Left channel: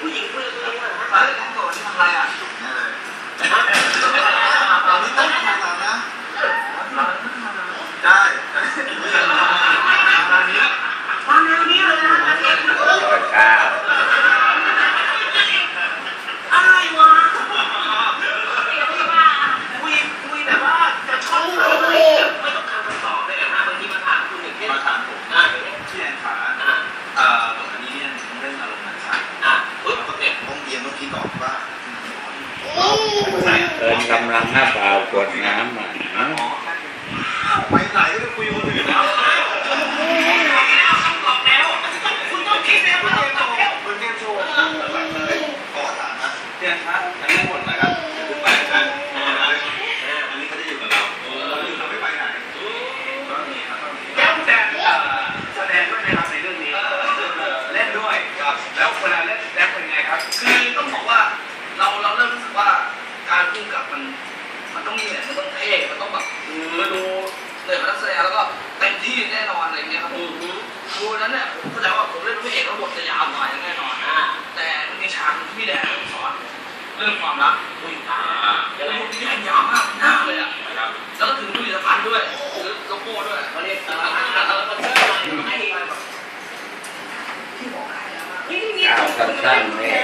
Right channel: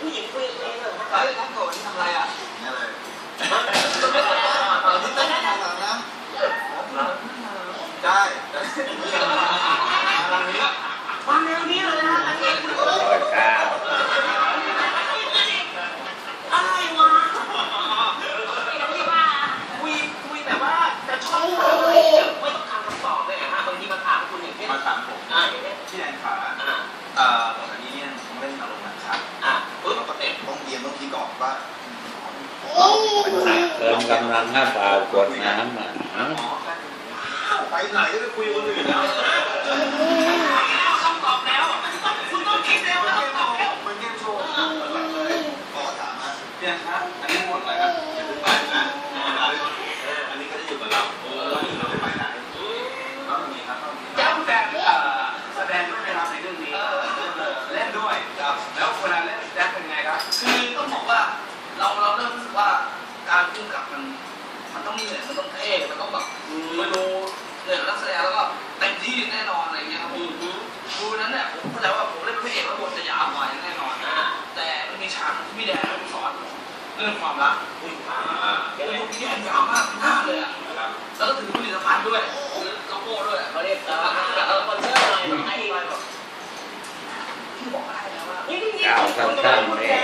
ผู้หญิงคุยกับใครเหรอ เฮ้ยนั่งก่อนที่ทำอะไรอะเนี่ยเลยตอนนี้ตั้งทางเรานะได้ มาแนวนี้เลยนะ รอข้าว อะไรวะคุยคุยแต่ว่าจะชอบไม่ต้องการคำตอบเลยนะบางทีมันถามคุณอย่างเช่น มาถามผม อ่าอย่างเงี้ย ที่แอนขาเอ่อแบบนี้เนี่ยต้องเล่นอารมณ์นะครับ อะปึ๊บเนี่ย ต้องเรียนต้องคิด ก่อนว่าเอินกำลังหน้าเปล่ากดน้ำอะ ไปไหนก็คุยคนอื่นนะ คำตอบแล้วคุณต้องคิดแล้วว่าคำตอบแล้ว คุณเรียนโชว์แบบเลยก็ถามนะเรียนครับอันนี้หมดนะครับคุณไปนะอันนี้ก็จะอยู่กับเราเราไม่ไปไหนก็มีครับก็มี แก้วแสดงแสดงด้วยนะครับในเรื่องนี้เล่นด้วยครับแล้วเวลาเล่นแรปเป็นไงครับ คือต้องบอกว่าเราเราเริ่มรู้สึกว่าการพุ่งกับมัน มันต้องเหนื่อยมันต้องเท่มันต้องแบบมาดูเหนื่อยกับนักแสดงแล้วก็เต็มที่แน่นอนอะไรเงี้ยครับดูนั้นเนี่ยผมเข้าใจว่าผมเล่นพระเอกแล้วบทจะยาวกว่าแน่นอนอ่าแต่มันมีฉากที่พี่แดนสอนเรื่องความรักอุ้ยตายแล้วบทพี่แดนยาวมากหน้าเลยอะแล้วก็ถึงผลิตภัณฑ์ด้วยหรือโลโก้ด้วยเขาเรียกเออเออคอนเสิร์ตหน่อยให้ที่บอกได้แล้วว่านี่นี่นี่ก้าวสั้นๆเนี่ย